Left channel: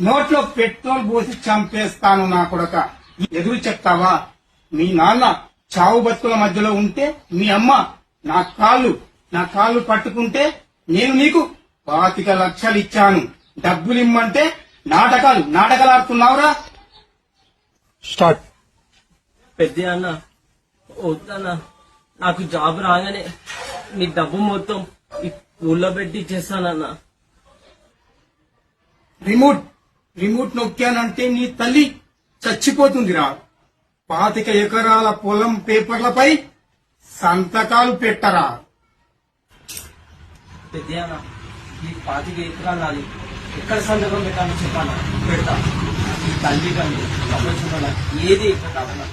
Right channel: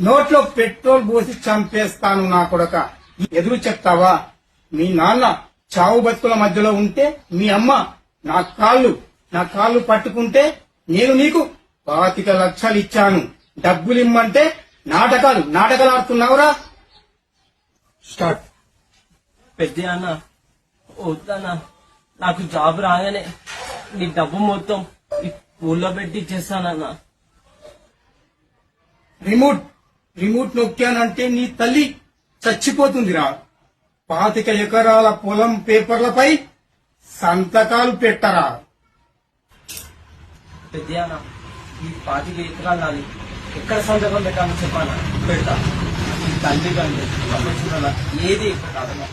నోట్లో పెట్రోల్ పోసి చంపేస్తాను నా కొడక. ఎదురు చెప్తావా? మీ నాన్న చావు బతుకుల మధ్యలో ఉంటే మీ అమ్మ నా కాళ్ళు పట్టుకుంటే నేను నీకు 25 లక్షలు ఇచ్చాను. డబ్బులిమ్మంటే నాటకాలు ఆడుతున్నావురా. స్టార్ట్. పెద్ద అన్న వద్దన్నా, నాకు జాబ్ రాగానే నీ డబ్బు మొత్తం ఈ ఊళ్ళో పెట్టి ఇచ్చేస్తానన్నా. రిమోట్ నొక్కానంటే నీ తల్లి చచ్చిపోతుందిరా. 25 ఎకరాల పొలం పేపర్లపై సంతకాలు పెట్టరా. పెద్ద అన్న, ఈ 25 ఎకరాలు నాది. ఎక్కడ సంతకం పెట్టాలని చెప్పాను, పెడతా. ఈ తల్లి కానీ ఏది ఇక్కడ కాదన్నా.